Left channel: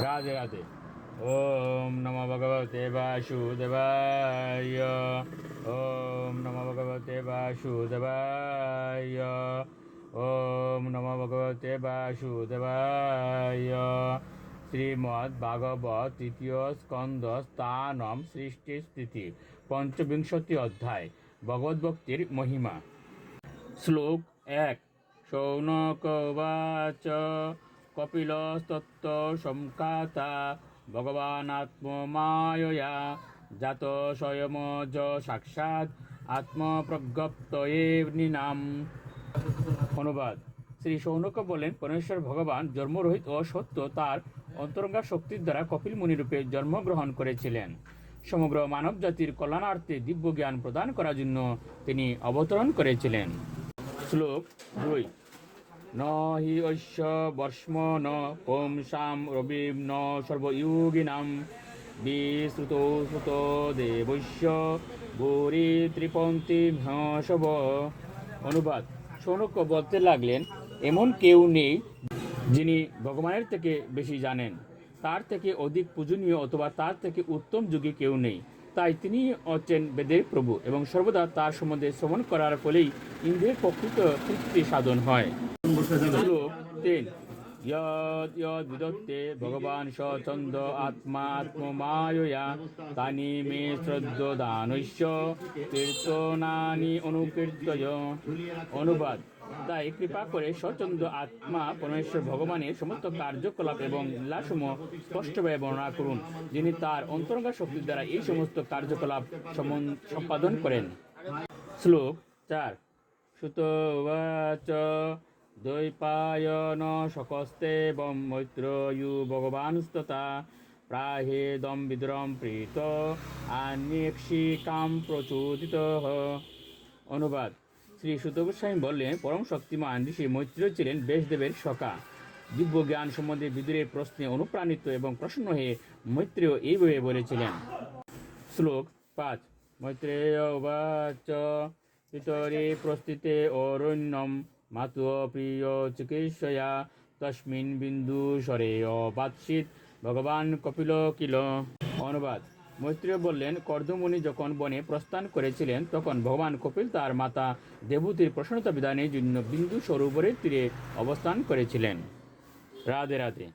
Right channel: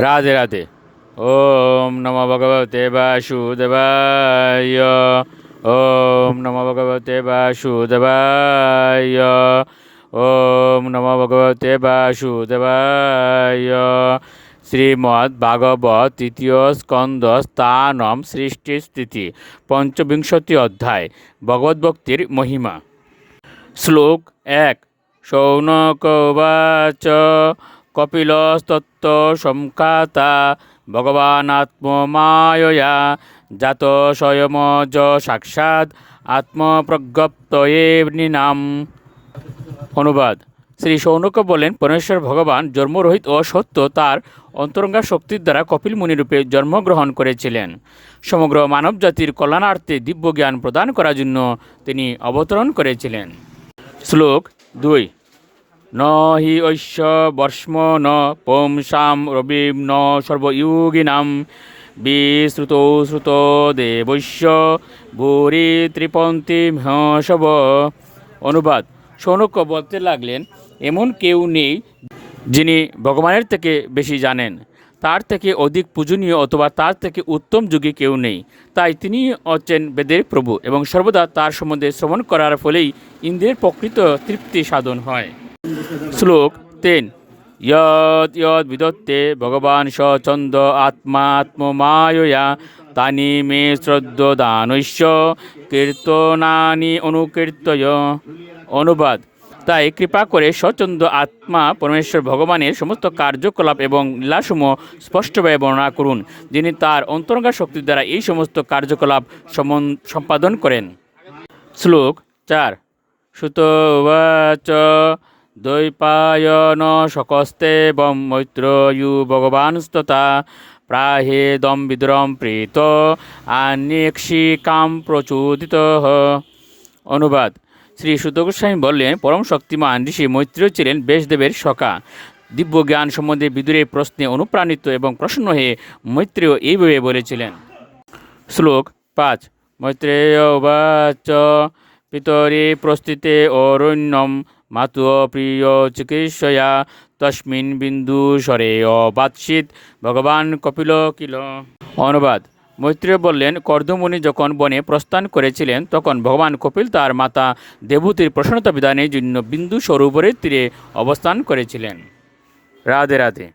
রাধে রাধে। ওম নমো ভগবতে বাসুদেবায়। ওম নমো ভগবতে বাসুদেবায়। ওম নমো ভগবতে বাসুদেবায়। শ্রীমদ্ ভাগবত তৃতীয় স্কন্দ স্থানম সৃষ্টি স্থিতি পঞ্চবিংশতি অধ্যায় ভগবদ্ভক্তির মহিমা। শ্লোক ১। শৌনক উবাচ কপিলস্তত্ত্ব সংখ্যাতা ভগবানাত্মমায়য়া জাত স্বয়মজ সাক্ষাৎ আত্মপ্রজ্ঞপ্তয়ে নৃণাম। অনুবাদ। শ্রী শৌনক বলেন, পরমেশ্বর ভগবান জন্মরহিত ও সত্য তার অন্তরঙ্গা শক্তির দ্বারা কপিল মুনিরূপে জন্মগ্রহণ করেছিলেন। সমগ্র মানবজাতির কল্যাণার্থে দিব্য জ্ঞান প্রদান করার জন্য তিনি অবতরণ করেছিলেন। শ্লোক ২। ন হি ঐশ্য বর্ষ্ম ন পুংসাম রবিম ন সর্বয়োগিনাম বিশ্রুত শ্রুত দেবৈশ্য ভূরি ত্রিপন্তি মহশব। অনুবাদ। শৌনক বলতে লাগলেন, এমন কেউ নেই যিনি ভগবানের থেকে বেশি জানেন, তার থেকে অধিক পূজনীয় অথবা তার থেকে উত্তম যুগী কেউ নেই। তাই তিনি হচ্ছেন বেদের প্রভু এবং সর্বদা তার সম্বন্ধে শ্রবণ করার ফলেই ইন্দ্রিয়ের প্রকৃত তৃপ্তি সাধন হয়। শ্লোক ৩। ইয়ৎ ইয়ৎ বিদত্তে ভগবান স ছন্দ আত্মা আত্মমায়য়া তানি মে শ্রদ্ধদানৈশ্য কীর্তনানি অনুকীর্তয়। অনুবাদ। তাই কৃপা করে স্বচ্ছন্দ আত্মা পরমেশ্বর ভগবানের সমস্ত কার্যকলাপ এবং লীলাসমূহ স্পষ্টভাবে বর্ণনা করুন, যিনি তার অন্তরঙ্গা শক্তির দ্বারা এই সমস্ত কার্যকলাপ সম্পাদন করেন। শ্লোক ৪। সুত উবাচ দ্বৈপায়ন শকস্তে বম মৈত্রয়ু ভগবানস্ততা প্রাহেদম বিদ্রম প্রীত আন্যেক্ষিকাম প্রচোদিত। অনুবাদ। শ্রী সুত গোস্বামী বললেন, পরম শক্তিমান ঋষি মৈত্রেয় ছিলেন ব্যাসদেবের সখা। দিব্য জ্ঞান সম্বন্ধে বিদুরের প্রশ্নে অনুপ্রাণিত এবং প্রসন্ন হয়ে মৈত্রেয় এইভাবে বলেছিলেন। শ্লোক ৫। মৈত্রেয় উবাচ পিতরি প্রস্থিতে অরণ্যম মাতু প্রিয় চিকিৎসয়া তস্মিন বিন্দু স্বরে অবাৎসিত ভগবান কপিল কিল। অনুবাদ। মৈত্রেয় বললেন, কর্দমুনি যখন বনে প্রস্থান করেছিলেন তখন ভগবান কপিল তার মাতা দেবহূতির প্রসন্নতা বিধানের জন্য বিন্দু সরোবরের তীরে অবস্থান করেছিলেন। রাধে রাধে।